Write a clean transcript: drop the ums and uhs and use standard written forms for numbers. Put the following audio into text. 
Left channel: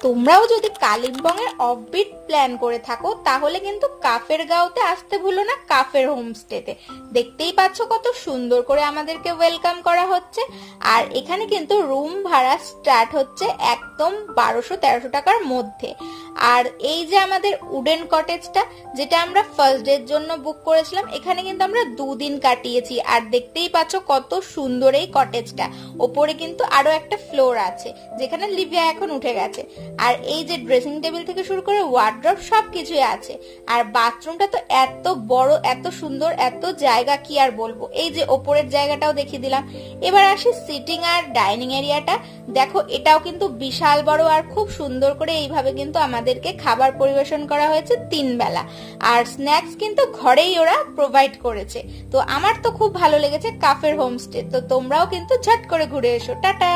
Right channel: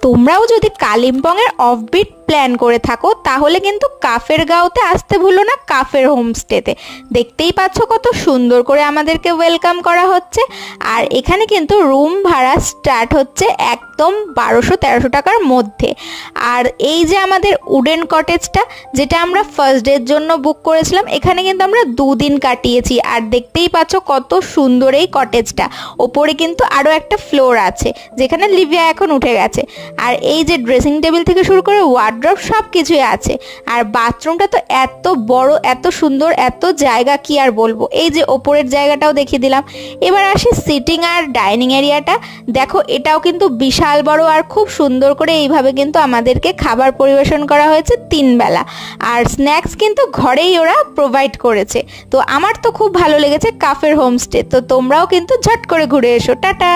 তোমরাও যদি কালিম্পংয়ের offbeat plan করে থাকো তাহলে কিন্তু কাফের গাঁওতে আসতে ভুলো না, কাফের হোমস্টেতে। দেখতেই পাচ্ছ কত সুন্দর করে আমাদেরকে ওয়েলকাম করা হচ্ছে। আর এখানে কিন্তু রুম ভাড়া স্টার্ট হচ্ছে একদম 1200-1300 টাকার মধ্যে। আর এই যে আমাদের উডেন কটেজটা, যেটা আমরা ফার্স্ট ডের জন্য বুক করেছিলাম, এখানে কিন্তু আমরা 2 দিন কাটিয়েছি। আর দেখতেই পাচ্ছ কত সুন্দর এই কটেজটা। ওপরে কিন্তু আরও একটা ফ্লোর আছে যেখানে লিভিয়া এখন উঠে গেছে। আর এই যে ড্রেসিং টেবিল থেকে শুরু করে ওয়ার্ড্রব সব কিছুই আছে। আর বাথরুমটা তো এত বড়, এত সুন্দর, এত জায়গা, কি আর বলবো। এই যে ওপরের জায়গাটাও দেখিয়ে দিলাম। এবার আসি সিটিং আর ডাইনিং এরিয়াটা। দেখো এটাও কিন্তু বিশাল বড় আর খুব সুন্দর করে এইভাবে কিন্তু আমাদেরকে খাবার পরিবেশন করা হয়েছে 3 বেলা। আর স্ন্যাক্স কিন্তু ঘরেই ওরা প্রোভাইড করেছে। তো আমার তো খুব ভালো লেগেছে কাফের হোমস্টে। তো তোমরাও কিন্তু ঝট করে ঘুরে এসো। টাটা।